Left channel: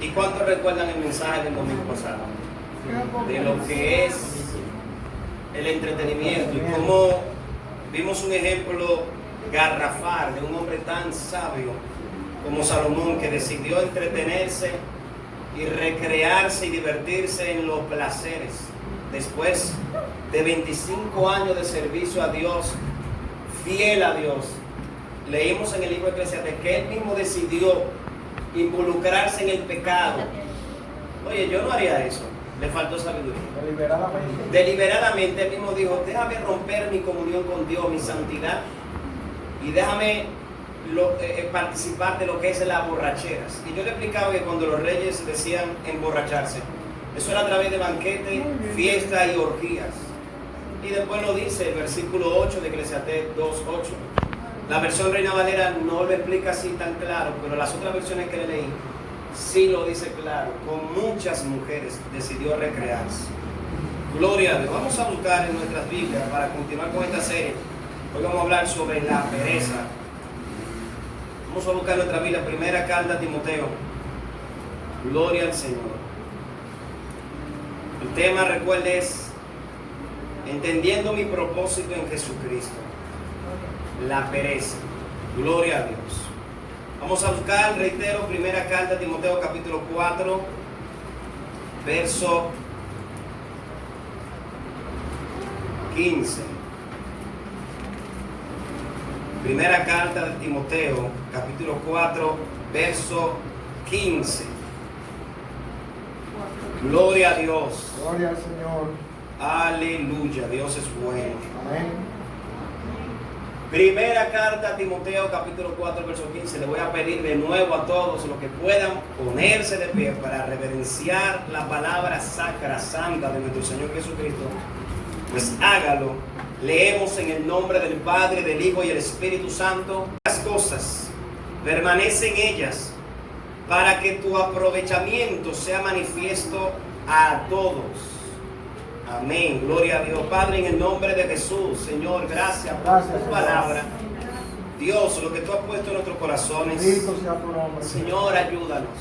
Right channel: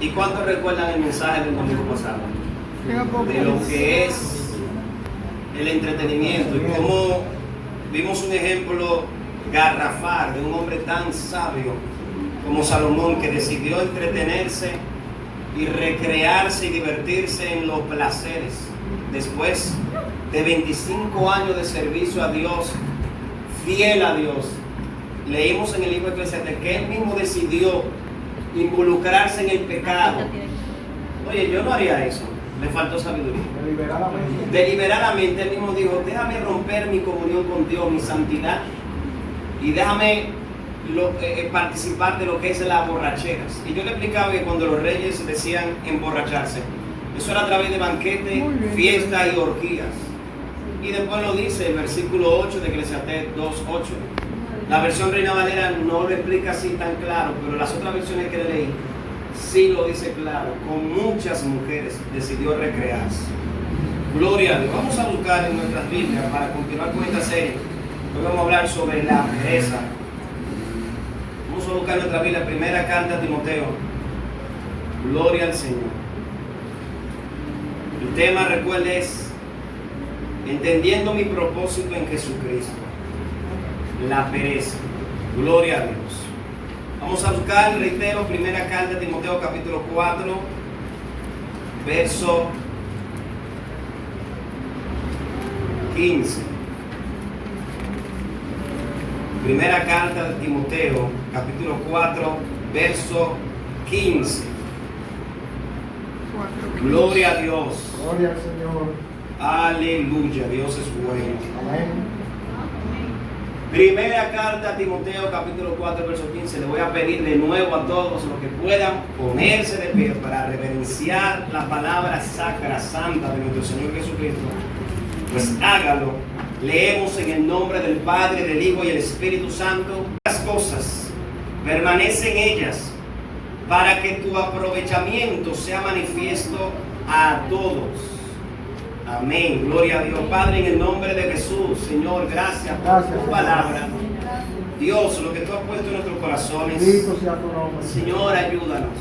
¿Y cuántos recuerdan el mensaje del domingo pasado? De lo que es el entretenimiento y cómo vimos un ejemplo garrafal de un hombre tan sabio como Salomón, que decidió entretenerse y recrearse y divertirse en los placeres después de 25 años de servicio a Dios, fiel a Dios. Leímos en el libro de Eclesiastés que él mismo decidió involucrarse en el pecado. Oye, yo no haría eso, le faltó sabiduría. Deliberadamente él mismo dijo: déjame romper mi comunión con Dios, mi santidad, y déjame participar de lo que es las borracheras. Y yo le explicaba que cuando los reyes decían emborracharse, eso era a través de banquetes, fiestas y orgías. Y después lo dice el versículo 8 de Eclesiastés 2:8. La versión Reina Valera no lo explica así tan claro, pero las otras versiones que le leí sí lo dice claro. Con muchas mujeres decidió recrearse. Gloria a Dios. Vamos a buscar en nuestras Biblias para continuar con esta serie. Hoy vamos a hablar sobre la pereza. Vamos a buscar en nuestra Biblia, primera carta a Timoteo. Gloria al Señor. El tema, recuerde, es entendiendo mi propósito en Jesucristo. La pereza. Gloria a Dios. Vamos a buscar, reitero, primera carta de Timoteo capítulo 4, verso 15. Primera carta de Timoteo capítulo 4, verso 15. Gloria a Dios. Gloria al Señor. Aleluya, Dios es bueno. Amén. Primera carta a Timoteo capítulo 4 verso 15. Le voy a pedir de nuevo a todos los que puedan ponerse de pie para reverenciar la palabra sacra, santa de nuestro Señor Jesucristo. Pues hágalo. Leemos en el nombre del Padre, del Hijo y el Espíritu Santo. Las cosas permanecen en ellas para que tu aprovechamiento sea manifiesto a todos. Amén, gloria a Dios. Padre, en el nombre de Jesús, Señor, gracias por tu palabra. Dios, lo que tú has puesto en nuestros corazones, Señor, ayúdanos.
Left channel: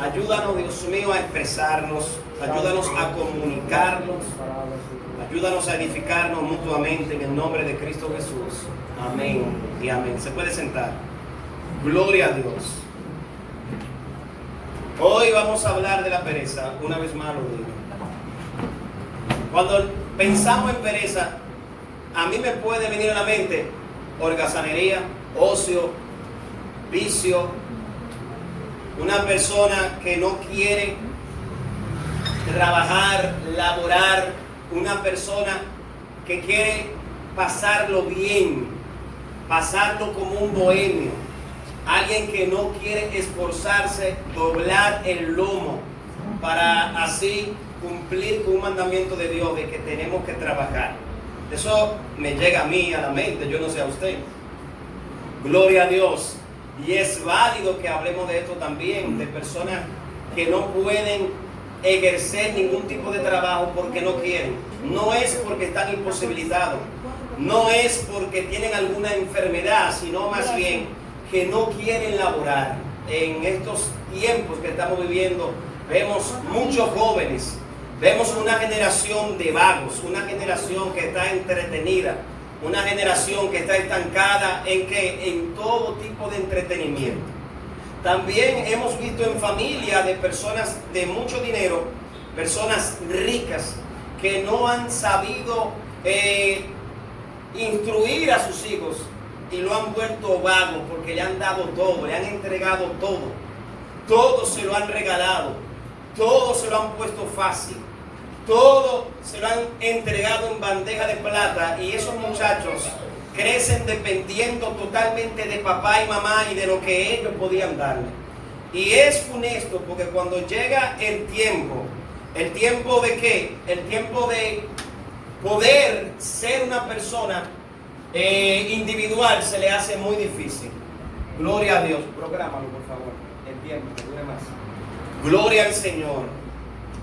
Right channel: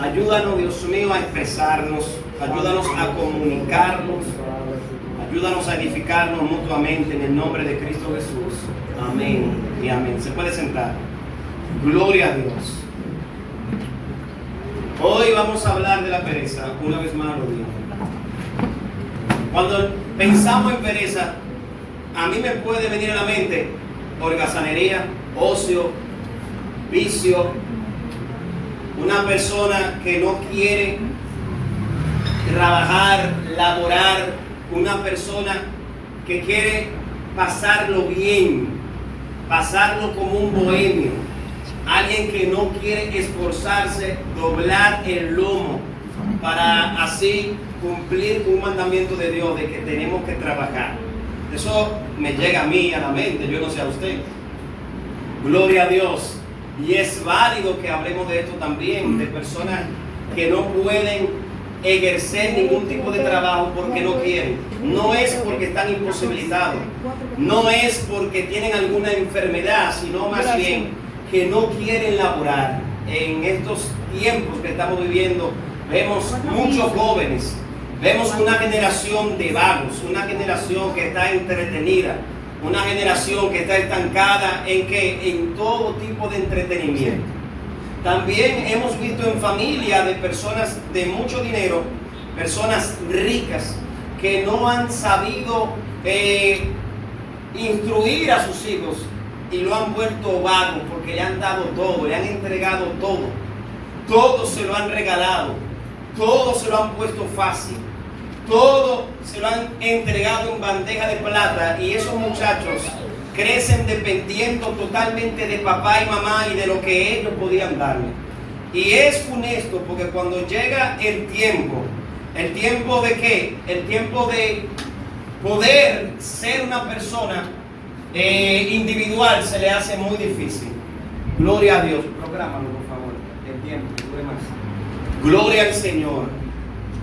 Ayúdanos, Dios mío, a expresarnos. Ayúdanos a comunicarnos. Ayúdanos a edificarnos mutuamente en el nombre de Cristo Jesús. Amén y amén. Se puede sentar. Gloria a Dios. Hoy vamos a hablar de la pereza. Una vez más lo digo. Cuando pensamos en pereza, a mí me puede venir a la mente holgazanería, ocio, vicio, una persona que no quiere trabajar, laborar, una persona que quiere pasarlo bien, pasarlo como un bohemio, alguien que no quiere esforzarse, doblar el lomo para así cumplir con un mandamiento de Dios de que tenemos que trabajar. Eso me llega a mí a la mente, yo no sé a usted. Gloria a Dios. Y es válido que hablemos de esto también, de personas que no pueden ejercer ningún tipo de trabajo porque no quieren. No es porque están imposibilitados, no es porque tienen alguna enfermedad, sino más bien que no quieren laborar. En estos tiempos que estamos viviendo, vemos muchos jóvenes. Vemos una generación de vagos, una generación que está entretenida, una generación que está estancada en todo tipo de entretenimiento. También hemos visto en familia de personas de mucho dinero, personas ricas, que no han sabido instruir a sus hijos y lo han vuelto vagos porque le han dado todo, le han entregado todo. Todo se lo han regalado, todo se lo han puesto fácil. Todo se lo han entregado en bandeja de plata y esos muchachos crecen dependiendo totalmente de papá y mamá y de lo que ellos podían darle. Y es funesto porque cuando llega el tiempo de qué? El tiempo de poder ser una persona individual se le hace muy difícil. Gloria a Dios. Prográmalo, por favor. El tiempo, que dure más. Gloria al Señor.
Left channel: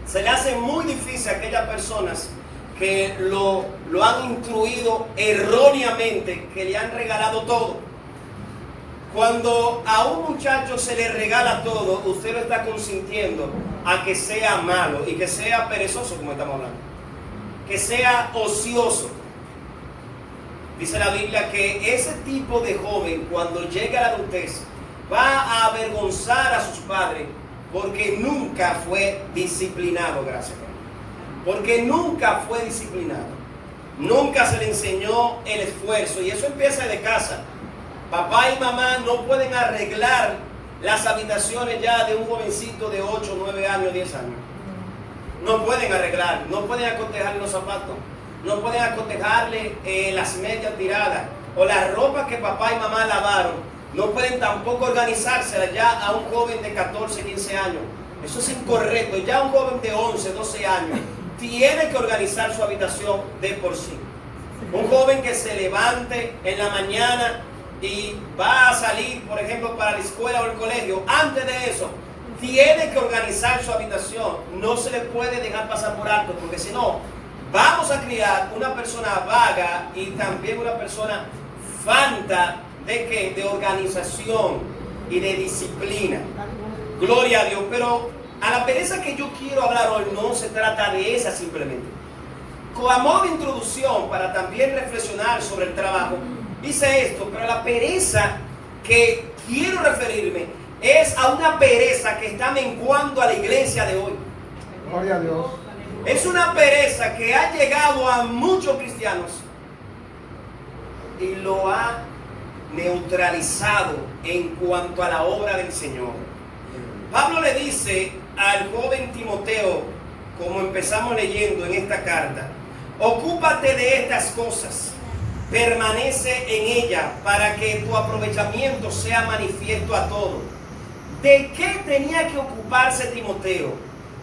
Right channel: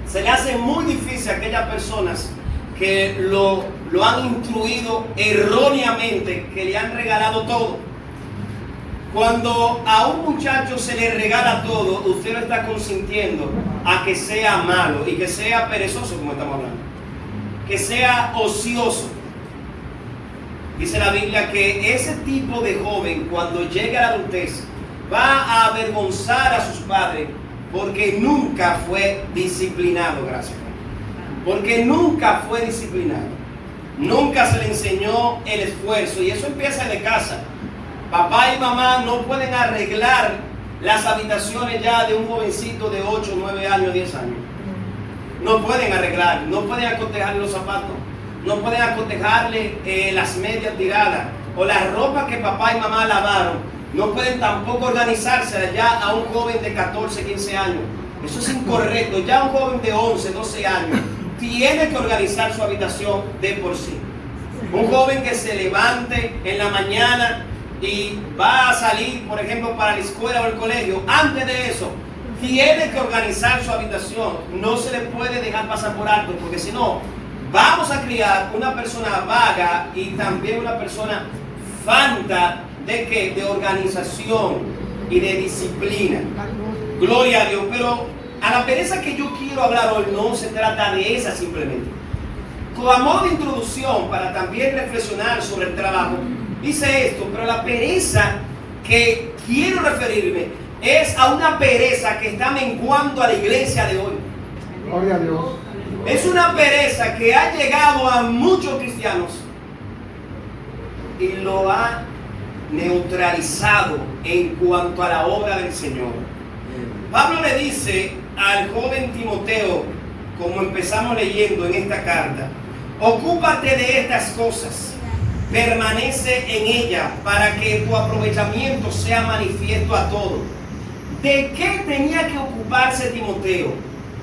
Se le hace muy difícil a aquellas personas que lo han instruido erróneamente, que le han regalado todo. Cuando a un muchacho se le regala todo, usted lo está consintiendo a que sea malo y que sea perezoso, como estamos hablando, que sea ocioso. Dice la Biblia que ese tipo de joven, cuando llegue a la adultez, va a avergonzar a sus padres porque nunca fue disciplinado, gracias. Porque nunca fue disciplinado. Nunca se le enseñó el esfuerzo, y eso empieza de casa. Papá y mamá no pueden arreglar las habitaciones ya de un jovencito de 8, 9 años, 10 años. No pueden arreglar, no pueden acotejarle los zapatos, no pueden acotejarle las medias tiradas o la ropa que papá y mamá lavaron. No pueden tampoco organizarse ya a un joven de 14, 15 años. Eso es incorrecto. Ya un joven de 11, 12 años tiene que organizar su habitación de por sí. Un joven que se levante en la mañana y va a salir, por ejemplo, para la escuela o el colegio, antes de eso, tiene que organizar su habitación. No se le puede dejar pasar por alto, porque si no, vamos a criar una persona vaga y también una persona falta de ¿qué? De organización y de disciplina. Gloria a Dios. Pero a la pereza que yo quiero hablar hoy no se trata de esa simplemente. Como modo de introducción, para también reflexionar sobre el trabajo, dice esto, pero la pereza que quiero referirme es a una pereza que está menguando a la iglesia de hoy. Gloria a Dios. Es una pereza que ha llegado a muchos cristianos y lo ha neutralizado en cuanto a la obra del Señor. Pablo le dice al joven Timoteo, como empezamos leyendo en esta carta, ocúpate de estas cosas, permanece en ella para que tu aprovechamiento sea manifiesto a todos. ¿De qué tenía que ocuparse Timoteo?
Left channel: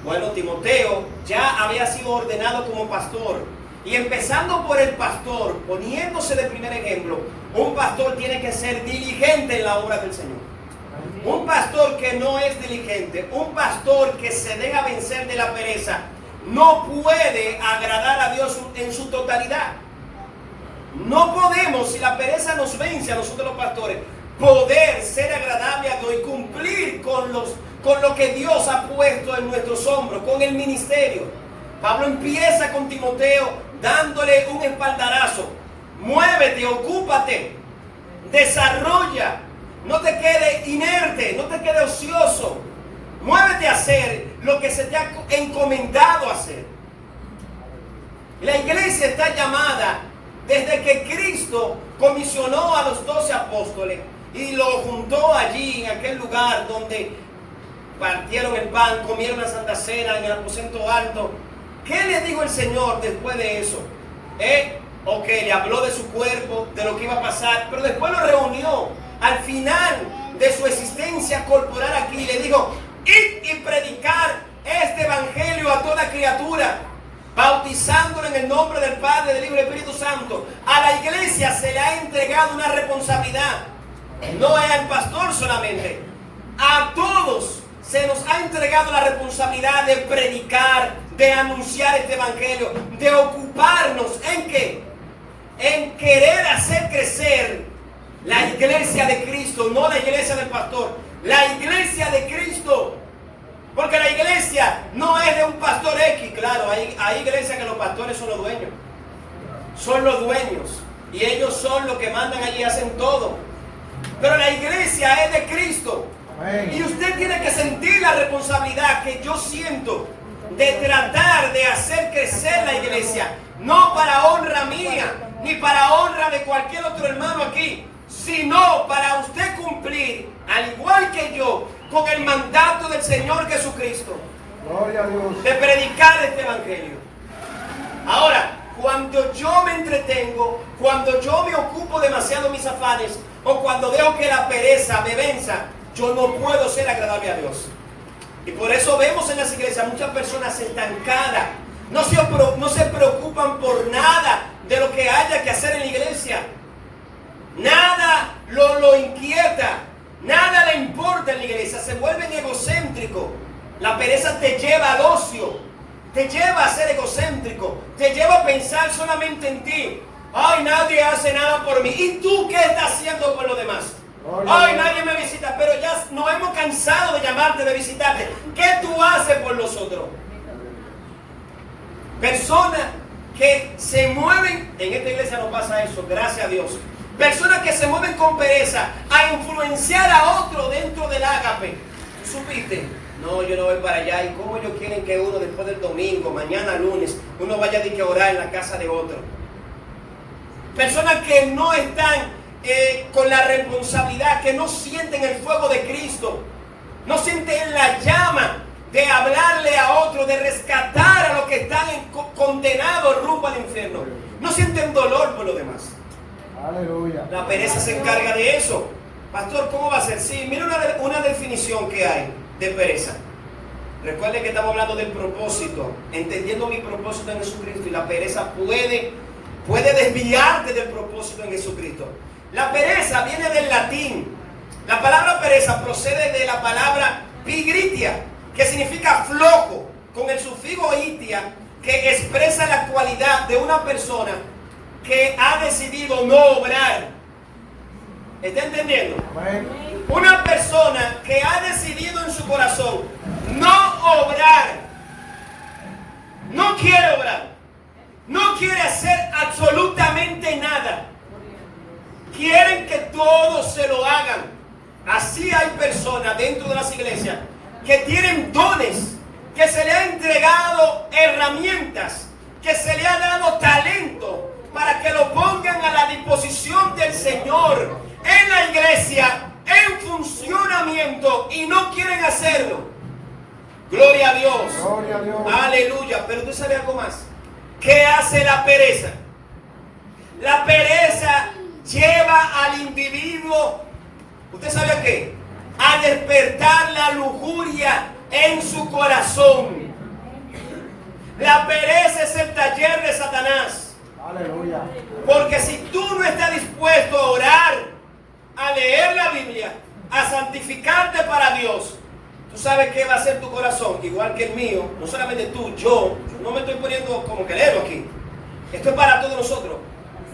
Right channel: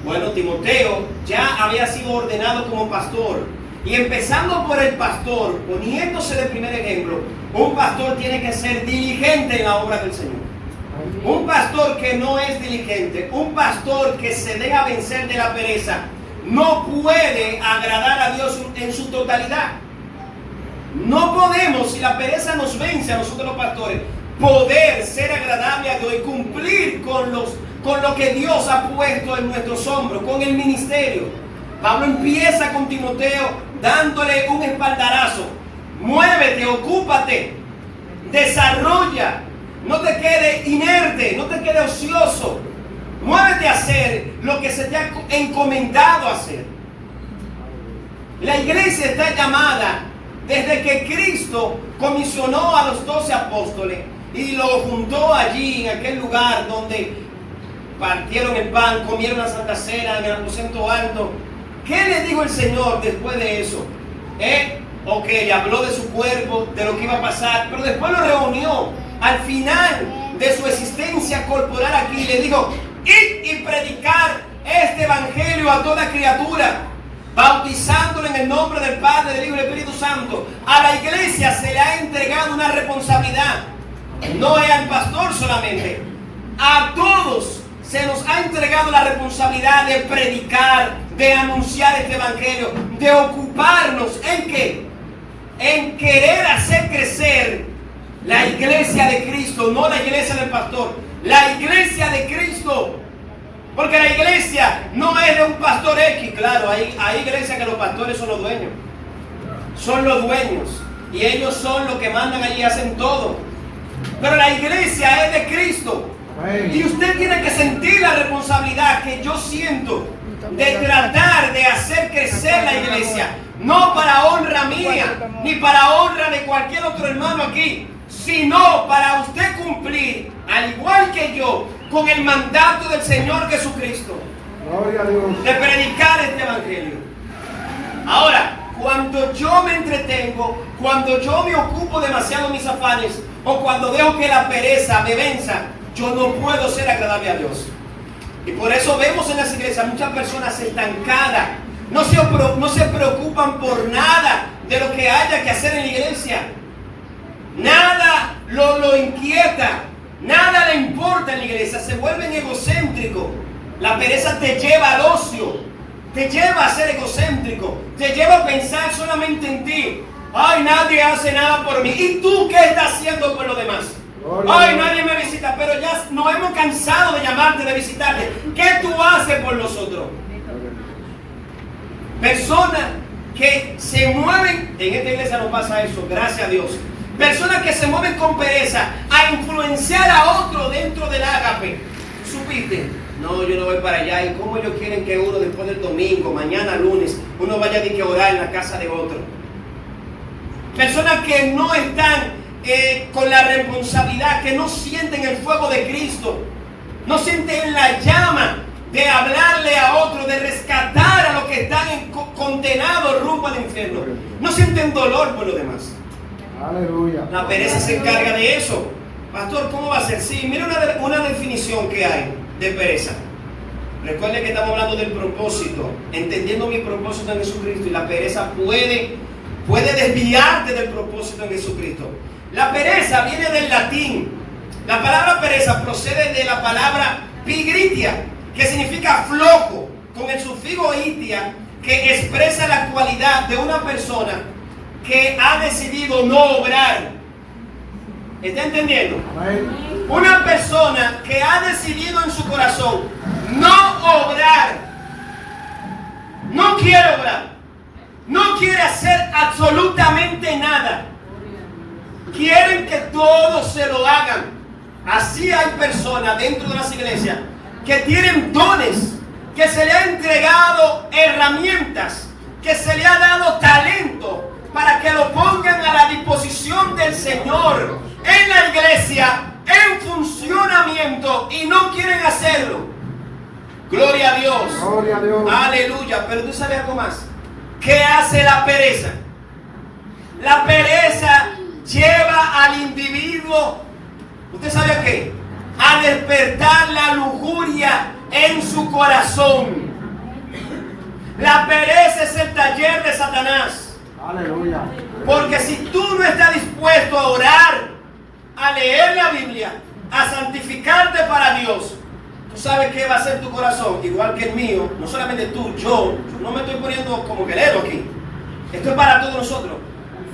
Bueno, Timoteo ya había sido ordenado como pastor. Y empezando por el pastor, poniéndose de primer ejemplo, un pastor tiene que ser diligente en la obra del Señor. Un pastor que no es diligente, un pastor que se deja vencer de la pereza, no puede agradar a Dios en su totalidad. No podemos, si la pereza nos vence a nosotros los pastores, poder ser agradable a Dios y cumplir con lo que Dios ha puesto en nuestros hombros, con el ministerio. Pablo empieza con Timoteo dándole un espaldarazo. Muévete, ocúpate, desarrolla, no te quede inerte, no te quede ocioso. Muévete a hacer lo que se te ha encomendado hacer. La iglesia está llamada, desde que Cristo comisionó a los 12 apóstoles y lo juntó allí en aquel lugar donde partieron el pan, comieron la Santa Cena en el aposento alto. ¿Qué le dijo el Señor después de eso? Ok, le habló de su cuerpo, de lo que iba a pasar, pero después lo reunió al final de su existencia corporal aquí y le dijo: id y predicar este evangelio a toda criatura, bautizándolo en el nombre del Padre, del Hijo y del Espíritu Santo. A la iglesia se le ha entregado una responsabilidad, no es al pastor solamente, a todos se nos ha entregado la responsabilidad de predicar, de anunciar este evangelio, de ocuparnos ¿en qué? En querer hacer crecer la iglesia de Cristo, no la iglesia del pastor, la iglesia de Cristo. Porque la iglesia no es de un pastor X, claro, hay iglesias que los pastores son los dueños. Son los dueños. Y ellos son los que mandan allí y hacen todo. Pero la iglesia es de Cristo. Y usted tiene que sentir la responsabilidad que yo siento de tratar de hacer crecer la iglesia. No para honra mía, ni para honra de cualquier otro hermano aquí, sino para usted cumplir, al igual que yo, con el mandato del Señor Jesucristo, de predicar este evangelio. Ahora, cuando yo me entretengo, cuando yo me ocupo demasiado de mis afanes, o cuando dejo que la pereza me venza, yo no puedo ser agradable a Dios. Y por eso vemos en las iglesias muchas personas estancadas, no se preocupan por nada de lo que haya que hacer en la iglesia. Nada lo inquieta, nada le importa en la iglesia, se vuelven egocéntricos. La pereza te lleva al ocio, te lleva a ser egocéntrico, te lleva a pensar solamente en ti. Ay, nadie hace nada por mí. ¿Y tú qué estás haciendo por los demás? Hoy nadie me visita, pero ya nos hemos cansado de llamarte, de visitarte. ¿Qué tú haces por nosotros? Personas que se mueven, en esta iglesia no pasa eso, gracias a Dios. Personas que se mueven con pereza a influenciar a otro dentro del ágape. ¿Supiste? No, yo no voy para allá. ¿Y cómo ellos quieren que uno después del domingo, mañana lunes, uno vaya a orar en la casa de otro? Personas que no están con la responsabilidad, que no sienten el fuego de Cristo, no sienten la llama de hablarle a otro, de rescatar a los que están condenados rumbo al infierno. No sienten dolor por los demás. Aleluya. La pereza se encarga de eso. Pastor, ¿cómo va a ser? Sí, mira una definición que hay de pereza. Recuerde que estamos hablando del propósito, entendiendo mi propósito en Jesucristo, y la pereza puede desviarte del propósito en Jesucristo. La pereza viene del latín. La palabra pereza procede de la palabra pigritia, que significa flojo, con el sufijo itia, que expresa la cualidad de una persona que ha decidido no obrar. ¿Está entendiendo? Una persona que ha decidido en su corazón no obrar, no quiere obrar, no quiere hacer absolutamente nada. Quieren que todos se lo hagan. Así hay personas dentro de las iglesias que tienen dones, que se le ha entregado herramientas, que se le ha dado talento para que lo pongan a la disposición del Señor en la iglesia, en funcionamiento, y no quieren hacerlo. Gloria a Dios. Gloria a Dios. Aleluya. Pero tú sabes algo más. ¿Qué hace la pereza? La pereza lleva al individuo, ¿usted sabe qué? A despertar la lujuria en su corazón. La pereza es el taller de Satanás. Aleluya. Porque si tú no estás dispuesto a orar, a leer la Biblia, a santificarte para Dios, tú sabes qué va a ser tu corazón, igual que el mío. No solamente tú, yo no me estoy poniendo como que leo aquí. Esto es para todos nosotros.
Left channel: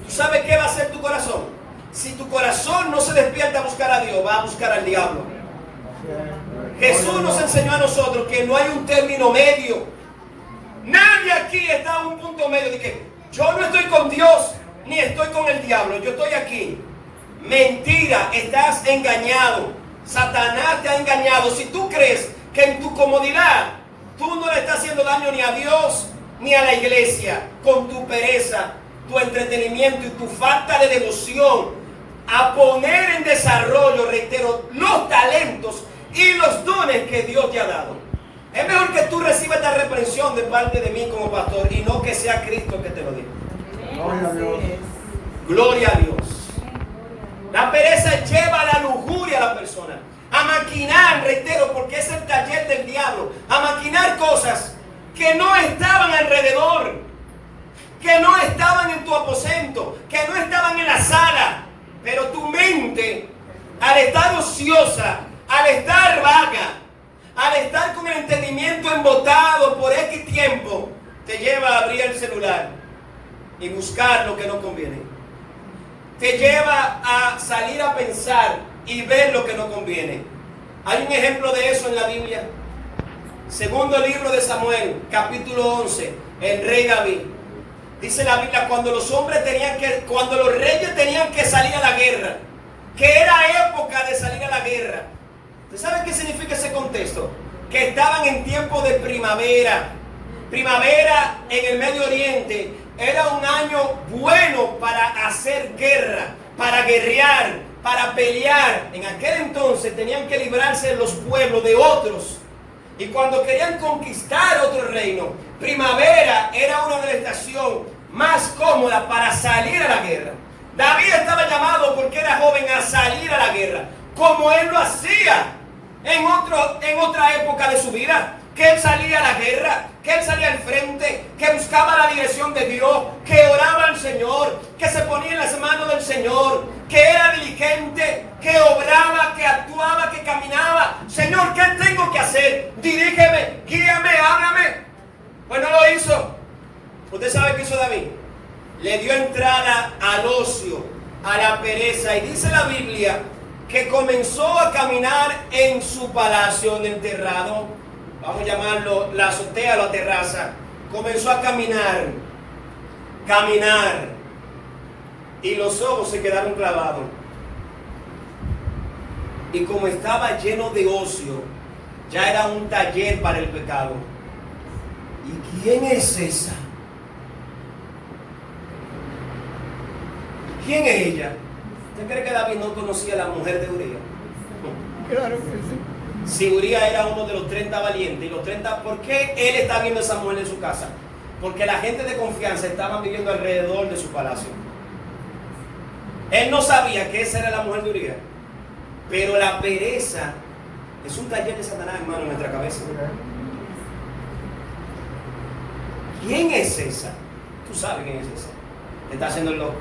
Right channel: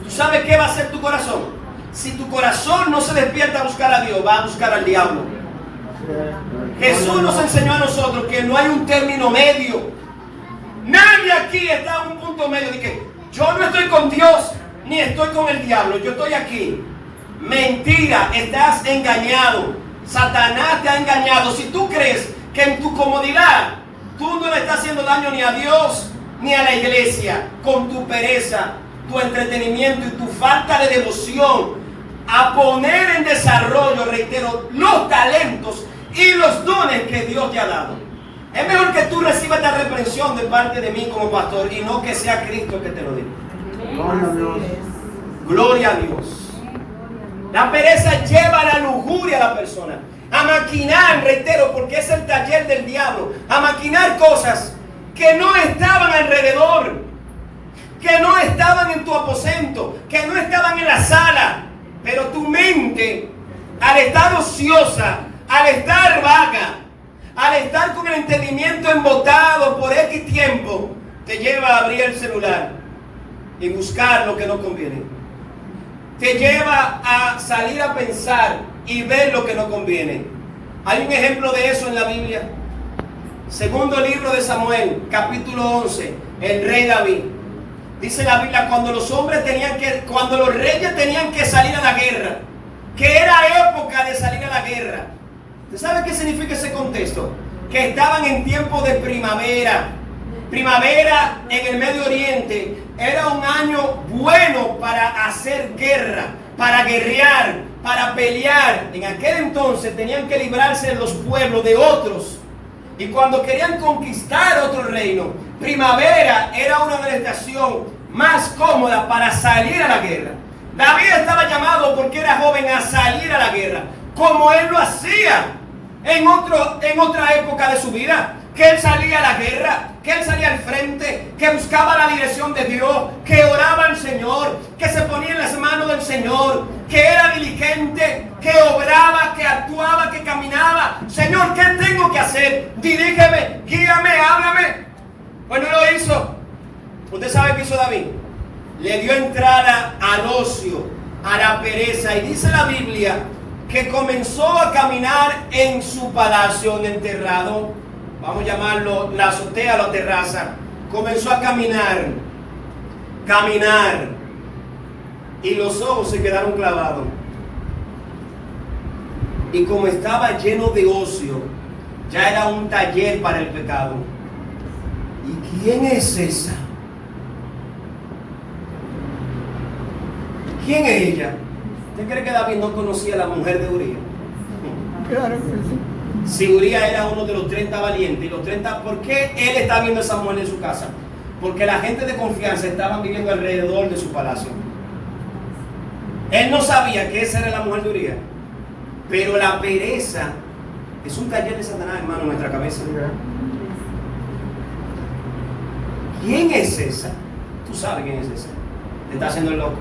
¿Tú sabes qué va a ser tu corazón? Si tu corazón no se despierta a buscar a Dios, va a buscar al diablo. Jesús nos enseñó a nosotros que no hay un término medio. Nadie aquí está en un punto medio de que yo no estoy con Dios ni estoy con el diablo, yo estoy aquí. Mentira, estás engañado. Satanás te ha engañado. Si tú crees que en tu comodidad tú no le estás haciendo daño ni a Dios ni a la iglesia, con tu pereza, tu entretenimiento y tu falta de devoción a poner en desarrollo, reitero, los talentos y los dones que Dios te ha dado. Es mejor que tú recibas esta reprensión de parte de mí como pastor y no que sea Cristo que te lo diga. Gloria a Dios. Gloria a Dios. La pereza lleva a la lujuria a la persona, a maquinar, reitero, porque es el taller del diablo, a maquinar cosas que no estaban alrededor, que no estaban en tu aposento, que no estaban en la sala, pero tu mente, al estar ociosa, al estar vaga, al estar con el entendimiento embotado por X tiempo, te lleva a abrir el celular y buscar lo que no conviene. Te lleva a salir a pensar y ver lo que no conviene. Hay un ejemplo de eso en la Biblia. Segundo libro de Samuel, capítulo 11, el rey David. Dice la Biblia, cuando los reyes tenían que salir a la guerra, que era época de salir a la guerra. ¿Usted sabe qué significa ese contexto? Que estaban en tiempo de primavera. Primavera en el Medio Oriente era un año bueno para hacer guerra, para guerrear, para pelear. En aquel entonces tenían que librarse de los pueblos de otros. Y cuando querían conquistar otro reino, primavera era una de las estaciones más cómodas para salir a la guerra. David estaba llamado porque era joven a salir a la guerra, como él lo hacía en otra época de su vida. Que él salía a la guerra, que él salía al frente, que buscaba la dirección de Dios, que oraba al Señor, que se ponía en las manos del Señor, que era diligente, que obraba, que actuaba, que caminaba. Señor, ¿qué tengo que hacer? Dirígeme, guíame, háblame. Pues no lo hizo. ¿Usted sabe qué hizo David? Le dio entrada al ocio, a la pereza. Y dice la Biblia que comenzó a caminar en su palacio, en el terrado, vamos a llamarlo la azotea o la terraza, comenzó a caminar, y los ojos se quedaron clavados. Y como estaba lleno de ocio, ya era un taller para el pecado. ¿Y quién es esa? ¿Quién es ella? ¿Usted cree que David no conocía a la mujer de Uría? Claro que sí. Si Uría era uno de los 30 valientes, y los 30, ¿por qué él está viendo a esa mujer en su casa? Porque la gente de confianza estaban viviendo alrededor de su palacio. Él no sabía que esa era la mujer de Uría. Pero la pereza es un taller de Satanás, hermano, en nuestra cabeza. ¿Quién es esa? Tú sabes quién es esa. Te está haciendo el loco.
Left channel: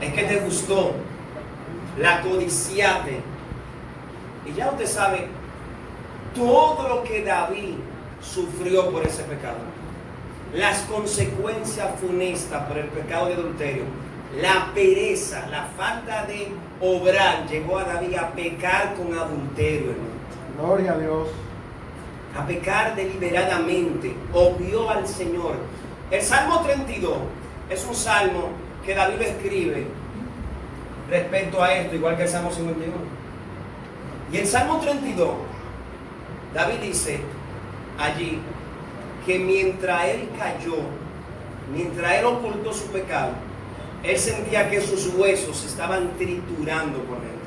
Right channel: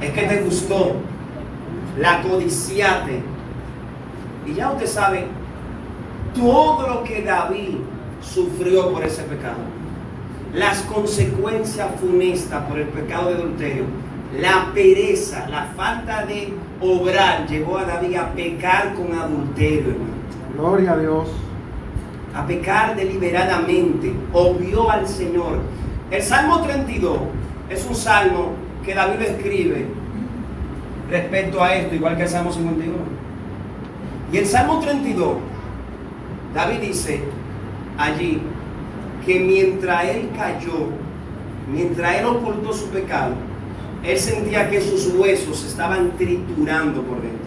Es que te gustó, la codiciaste. Y ya usted sabe todo lo que David sufrió por ese pecado. Las consecuencias funestas por el pecado de adulterio. La pereza, la falta de obrar llevó a David a pecar con adulterio, hermano. Gloria a Dios. A pecar deliberadamente, obvió al Señor. El Salmo 32 es un salmo que David escribe respecto a esto, igual que el Salmo 51. Y el Salmo 32, David dice allí que mientras él cayó, mientras él ocultó su pecado, él sentía que sus huesos se estaban triturando por dentro.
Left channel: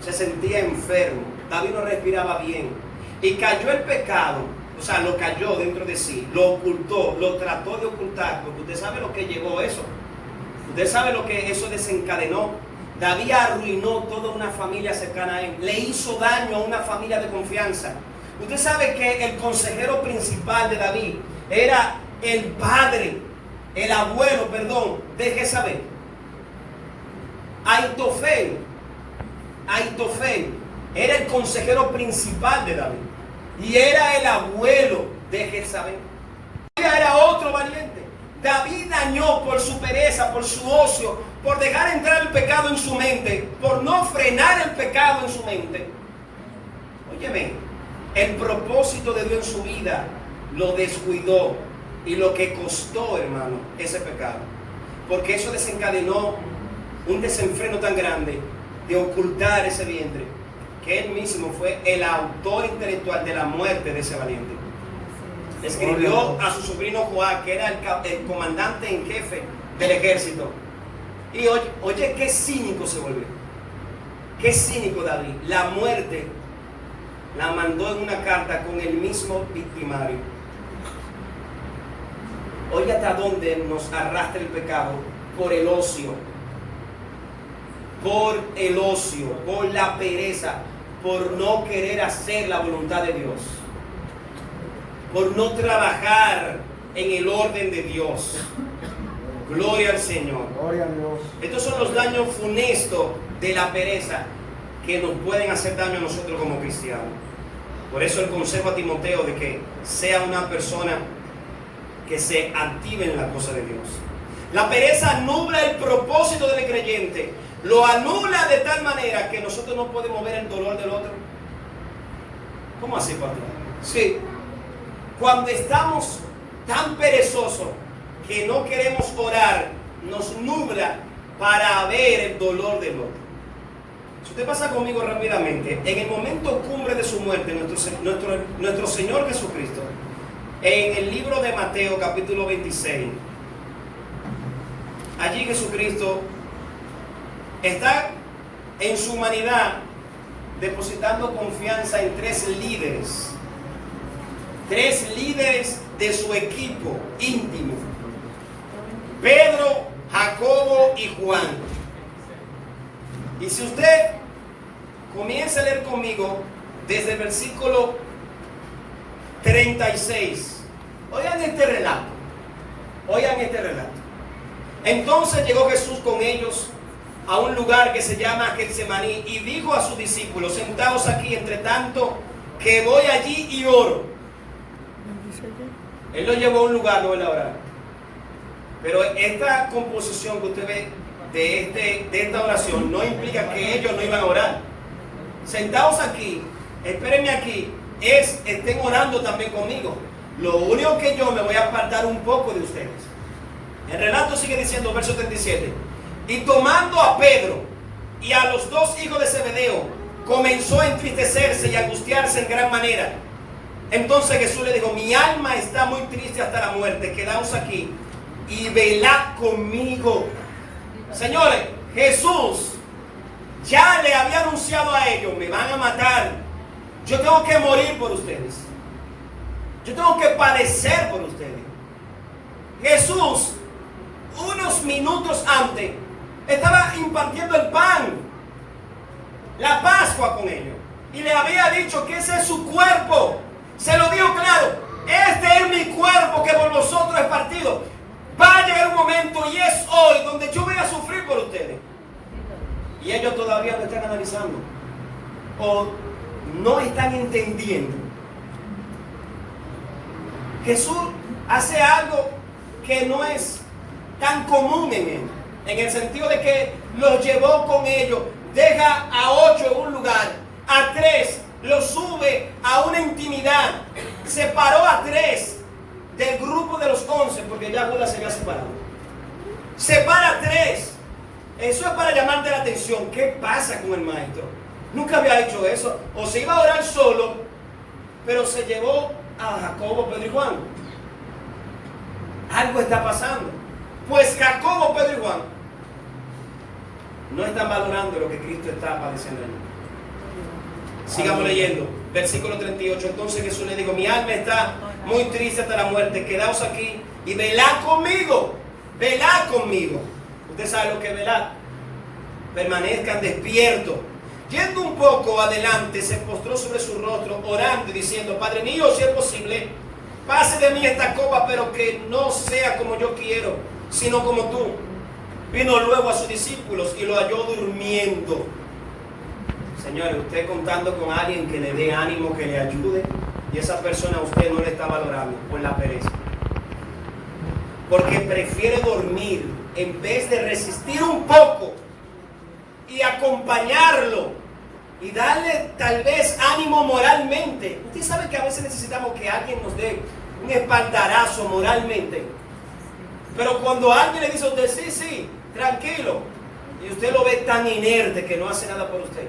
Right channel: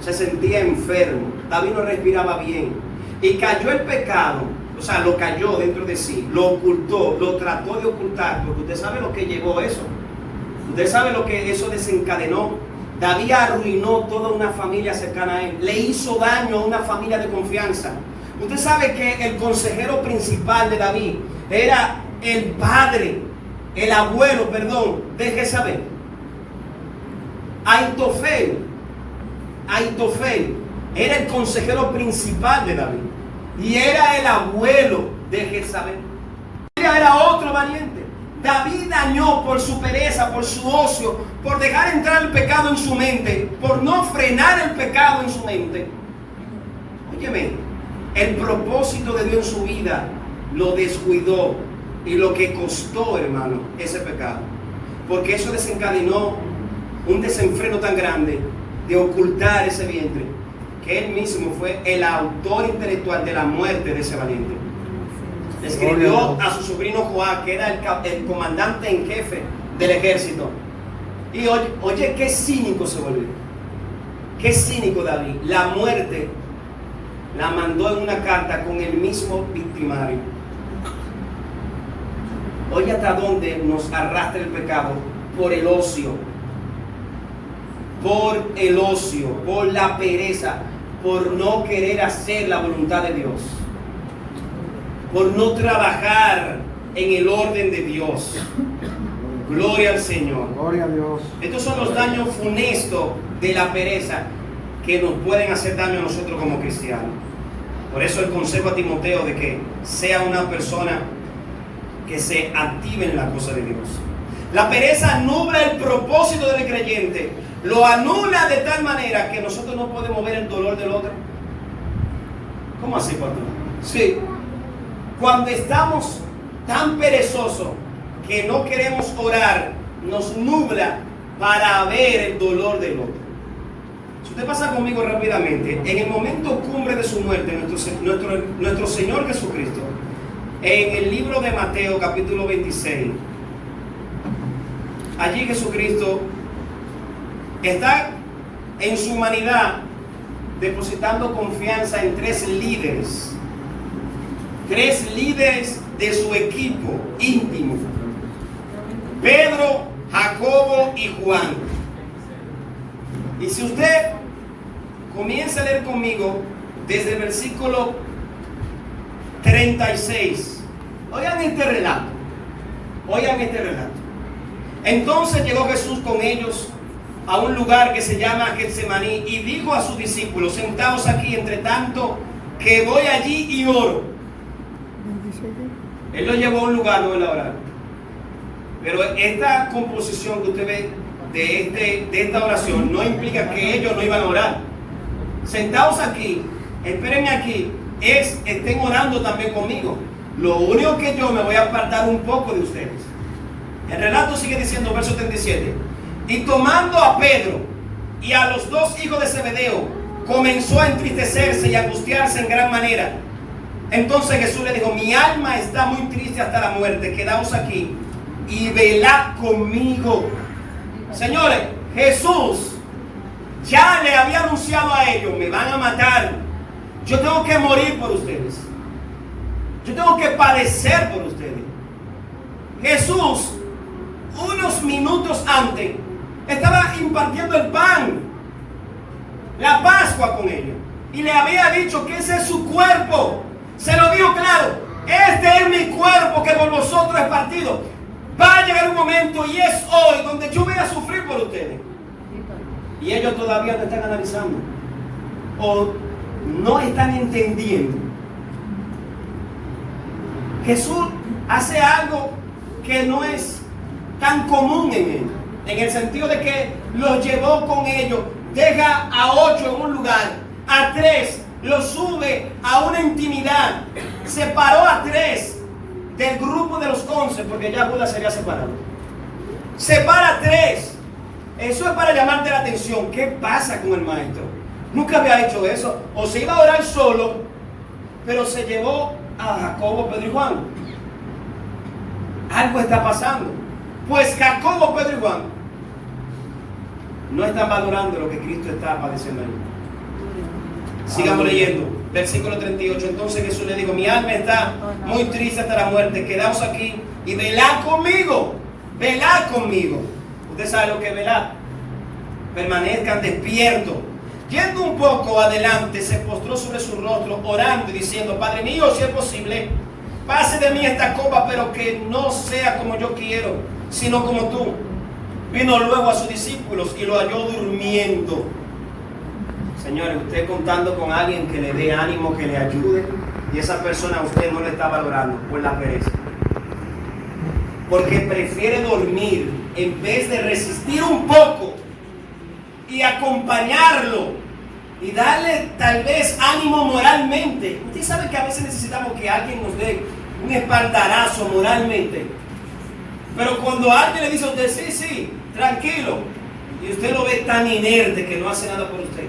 Se sentía enfermo. David no respiraba bien. Y cayó el pecado, o sea, lo cayó dentro de sí, lo ocultó, lo trató de ocultar, porque usted sabe lo que llevó eso. Usted sabe lo que eso desencadenó. David arruinó toda una familia cercana a él. Le hizo daño a una familia de confianza. Usted sabe que el consejero principal de David era el padre, el abuelo, perdón, de Jezabel. Aitofel era el consejero principal de David y era el abuelo de Jezabel. Era otro valiente. David dañó por su pereza, por su ocio, por dejar entrar el pecado en su mente, por no frenar el pecado en su mente. Óyeme, el propósito de Dios en su vida lo descuidó, y lo que costó, hermano, ese pecado. Porque eso desencadenó un desenfreno tan grande de ocultar ese vientre, que él mismo fue el autor intelectual de la muerte de ese valiente. Le escribió a su sobrino Joab, que era el comandante en jefe del ejército. Y oye, qué cínico se volvió. Qué cínico David. La muerte la mandó en una carta con el mismo victimario. Oye, hasta dónde nos arrastra el pecado. Por el ocio, por la pereza, por no querer hacer la voluntad de Dios, por no trabajar en el orden de Dios. Gloria al Señor. Gloria a Dios. Estos son los daños funestos de la pereza que nos pueden hacer daño a nosotros como cristianos. Por eso el consejo a Timoteo de que sea una persona que se active en la cosa de Dios. La pereza nubla el propósito del creyente, lo anula de tal manera que nosotros no podemos ver el dolor del otro. ¿Cómo así, pastor? Sí, cuando estamos tan perezosos que no queremos orar, nos nubla para ver el dolor del otro. Si usted pasa conmigo rápidamente, en el momento cumbre de su muerte, nuestro Señor Jesucristo, en el libro de Mateo capítulo 26, allí Jesucristo está en su humanidad depositando confianza en tres líderes de su equipo íntimo: Pedro, Jacobo y Juan. Y si usted comienza a leer conmigo desde el versículo 36, oigan este relato. Entonces llegó Jesús con ellos a un lugar que se llama Getsemaní y dijo a sus discípulos: sentaos aquí entre tanto que voy allí y oro. Él lo llevó a un lugar, no él a orar. Pero esta composición que usted ve de esta oración no implica que ellos no iban a orar. Sentados aquí, espérenme aquí, estén orando también conmigo. Lo único que yo me voy a apartar un poco de ustedes. El relato sigue diciendo, verso 37. Y tomando a Pedro y a los dos hijos de Zebedeo, comenzó a entristecerse y a angustiarse en gran manera. Entonces Jesús le dijo: mi alma está muy triste hasta la muerte, quedaos aquí y velad conmigo. Señores, Jesús ya le había anunciado a ellos: me van a matar, yo tengo que morir por ustedes, yo tengo que padecer por ustedes. Jesús, unos minutos antes, estaba impartiendo el pan, la Pascua con ellos, y le había dicho que ese es su cuerpo. Se lo dijo claro: este es mi cuerpo que por vosotros es partido. Va a llegar un momento, y es hoy, donde yo voy a sufrir por ustedes. Y ellos todavía no están analizando, o no están entendiendo. Jesús hace algo que no es tan común en él, en el sentido de que los llevó con ellos, deja a 8 en un lugar, a 3 los sube a una intimidad, separó a 3 del grupo de los 11, porque ya Judas se había separado. Separa a 3. Eso es para llamarte la atención. ¿Qué pasa con el maestro? Nunca había hecho eso. O se iba a orar solo, pero se llevó a Jacobo, Pedro y Juan. Algo está pasando. Pues Jacobo, Pedro y Juan no están valorando lo que Cristo está padeciendo. Sigamos leyendo, versículo 38. Entonces Jesús le dijo: mi alma está muy triste hasta la muerte, quedaos aquí y velad conmigo. Velad conmigo. Usted sabe lo que es velar. Permanezcan despiertos. Yendo un poco adelante, se postró sobre su rostro, orando y diciendo: Padre mío, si es posible, pase de mí esta copa, pero que no sea como yo quiero, sino como tú. Vino luego a sus discípulos y lo halló durmiendo. Señores, usted contando con alguien que le dé ánimo, que le ayude, y esa persona a usted no le está valorando por la pereza, porque prefiere dormir en vez de resistir un poco y acompañarlo y darle tal vez ánimo moralmente. Usted sabe que a veces necesitamos que alguien nos dé un espaldarazo moralmente, pero cuando alguien le dice a usted: sí, tranquilo, y usted lo ve tan inerte que no hace nada por usted.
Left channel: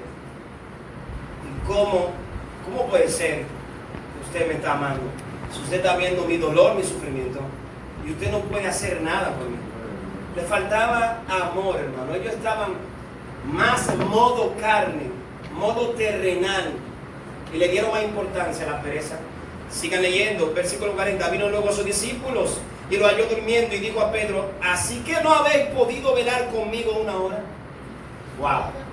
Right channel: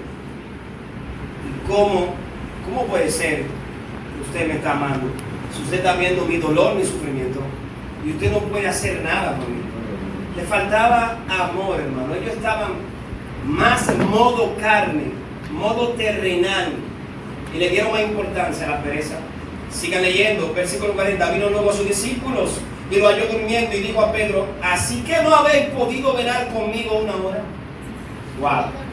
¿Cómo puede ser que usted me está amando si usted está viendo mi dolor, mi sufrimiento, y usted no puede hacer nada por mí? Le faltaba amor, hermano. Ellos estaban más modo carne, modo terrenal, y le dieron más importancia a la pereza. Sigan leyendo, versículo 40. Vino luego a sus discípulos y lo halló durmiendo y dijo a Pedro: ¿así que no habéis podido velar conmigo una hora? Wow.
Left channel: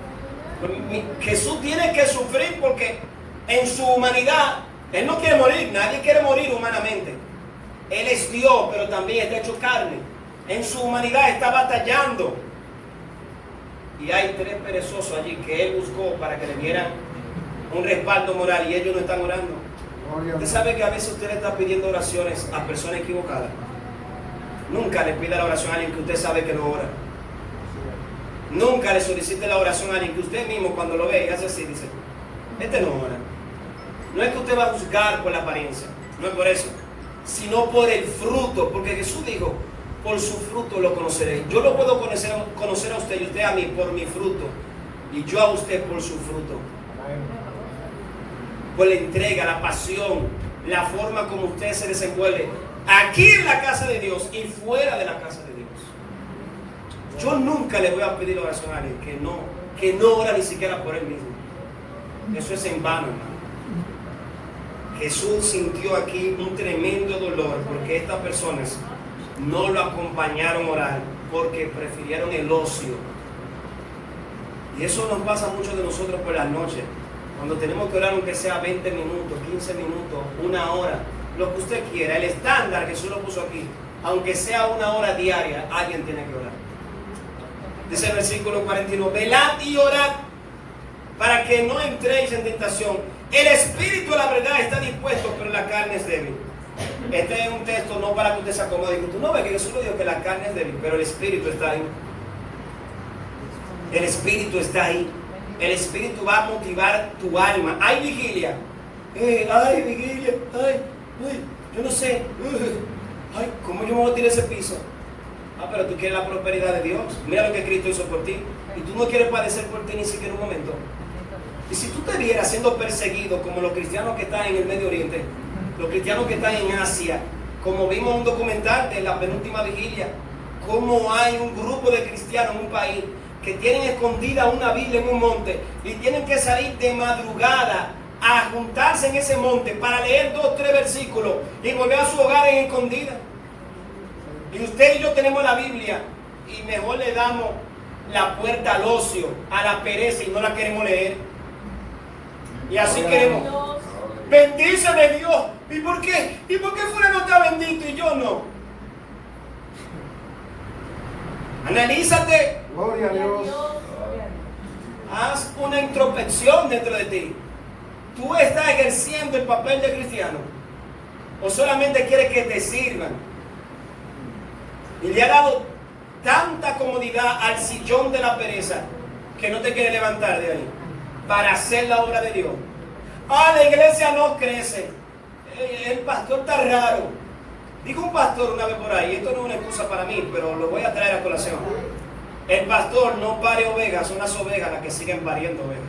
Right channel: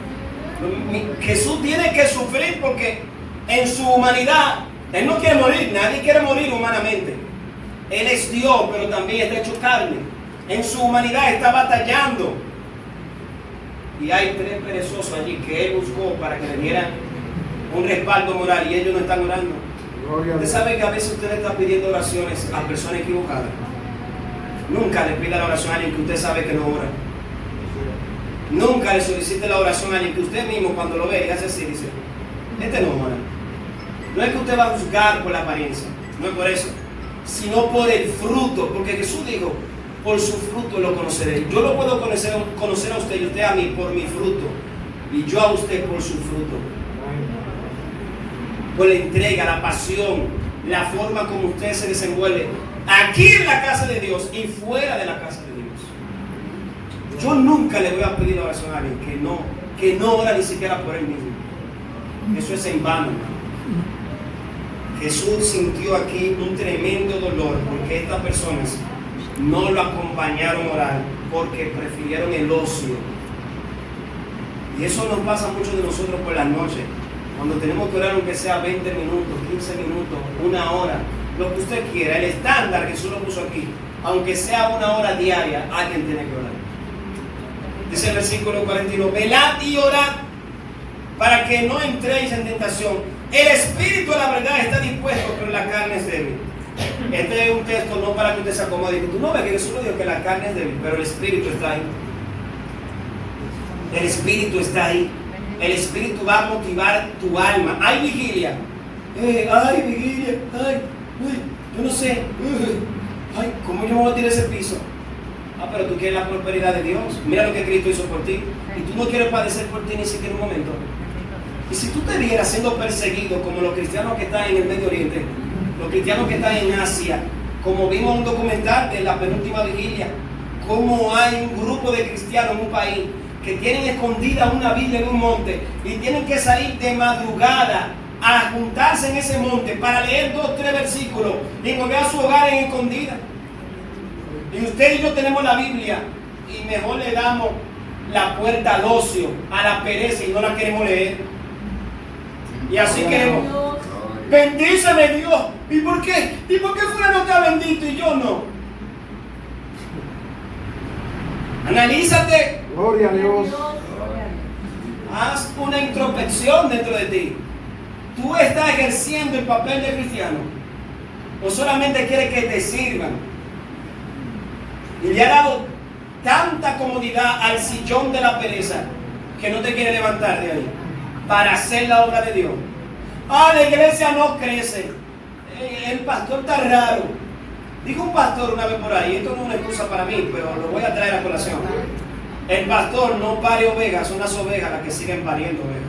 Jesús tiene que sufrir porque en su humanidad Él no quiere morir. Nadie quiere morir humanamente. Él es Dios, pero también está hecho carne. En su humanidad está batallando. Y hay 3 perezosos allí que Él buscó para que le dieran un respaldo moral, y ellos no están orando. Usted sabe que a veces usted le está pidiendo oraciones a personas equivocadas. Nunca le pida la oración a alguien que usted sabe que no ora. Nunca le solicite la oración a alguien que usted mismo, cuando lo ve y hace así, dice: este no ora. No es que usted va a juzgar por la apariencia, no es por eso, sino por el fruto, porque Jesús dijo: por su fruto lo conoceré. Yo lo puedo conocer a usted y usted a mí por mi fruto, y yo a usted por su fruto, por la entrega, la pasión, la forma como usted se desenvuelve aquí en la casa de Dios y fuera de la casa de Dios. Yo nunca le voy a pedir oración a alguien que no ora ni siquiera por él mismo. Eso es en vano. Jesús sintió aquí un tremendo dolor porque estas personas no lo acompañaron a orar, porque prefirieron el ocio. Y eso nos pasa a muchos de nosotros por las noches, cuando tenemos que orar, aunque sea 20 minutos, 15 minutos, 1 hora, lo que usted quiera. El estándar Jesús lo puso aquí: aunque sea 1 hora diaria, alguien tiene que orar. Dice el versículo 41: velad y orad para que no entréis en tentación. El espíritu, la verdad, está dispuesto, pero la carne es débil. Este es un texto no para que usted se acomode. Tú no ves que Jesús lo dijo, que la carne es débil, pero el espíritu está ahí. El Espíritu está ahí. El Espíritu va a motivar tu alma. Hay vigilia. Ay, vigilia. Ay, uy, yo no sé. Ay, ¿cómo yo me voy a tirar ese piso? Pero tú quieres la prosperidad de Dios. Mira lo que Cristo hizo por ti. Y tú no quieres padecer por ti ni siquiera un momento. Y si tú te vieras siendo perseguido como los cristianos que están en el Medio Oriente, los cristianos que están en Asia, como vimos en un documental de la penúltima vigilia, cómo hay un grupo de cristianos en un país que tienen escondida una Biblia en un monte y tienen que salir de madrugada a juntarse en ese monte para leer 2 o 3 versículos y volver a su hogar en escondida. Y usted y yo tenemos la Biblia y mejor le damos la puerta al ocio, a la pereza y no la queremos leer. Y así queremos. Bendíceme Dios. ¿Y por qué? ¿Y por qué fulano está bendito y yo no? Analízate. Gloria a Dios. Haz una introspección dentro de ti. ¿Tú estás ejerciendo el papel de cristiano? ¿O solamente quieres que te sirvan? Y le ha dado tanta comodidad al sillón de la pereza que no te quiere levantar de ahí para hacer la obra de Dios. La iglesia no crece. El pastor está raro. Dijo un pastor una vez por ahí, esto no es una excusa para mí, pero lo voy a traer a colación. El pastor no pare ovejas, son las ovejas las que siguen pariendo ovejas.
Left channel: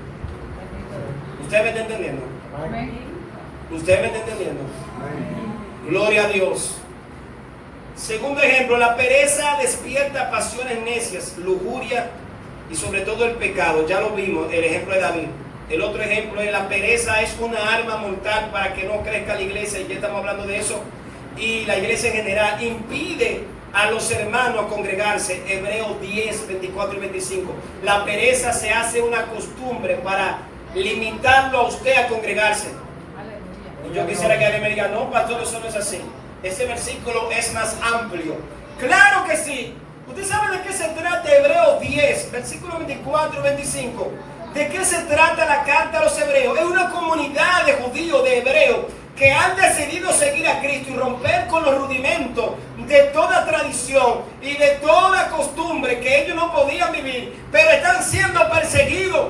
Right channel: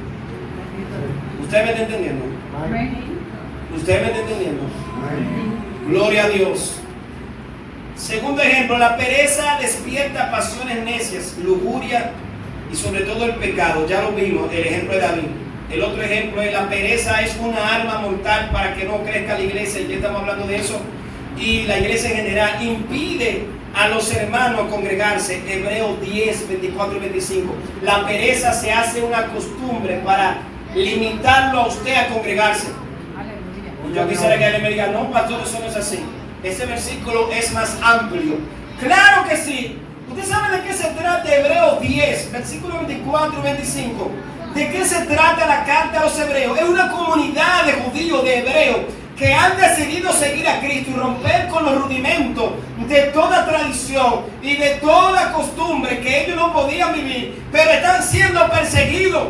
¿Usted me está entendiendo? ¿Usted me está entendiendo? Gloria a Dios. Segundo ejemplo, la pereza despierta pasiones necias, lujuria y sobre todo el pecado. Ya lo vimos, el ejemplo de David. El otro ejemplo es la pereza es una arma mortal para que no crezca la iglesia, y ya estamos hablando de eso. Y la iglesia en general impide a los hermanos congregarse. Hebreos 10, 24 y 25. La pereza se hace una costumbre para limitarlo a usted a congregarse. Yo quisiera que alguien me diga, no, pastor, eso no es así. Ese versículo es más amplio. ¡Claro que sí! ¿Usted sabe de qué se trata Hebreos 10, versículo 24 y 25? ¿De qué se trata la carta a los hebreos? Es una comunidad de judíos, de hebreos, que han decidido seguir a Cristo y romper con los rudimentos de toda tradición y de toda costumbre que ellos no podían vivir, pero están siendo perseguidos.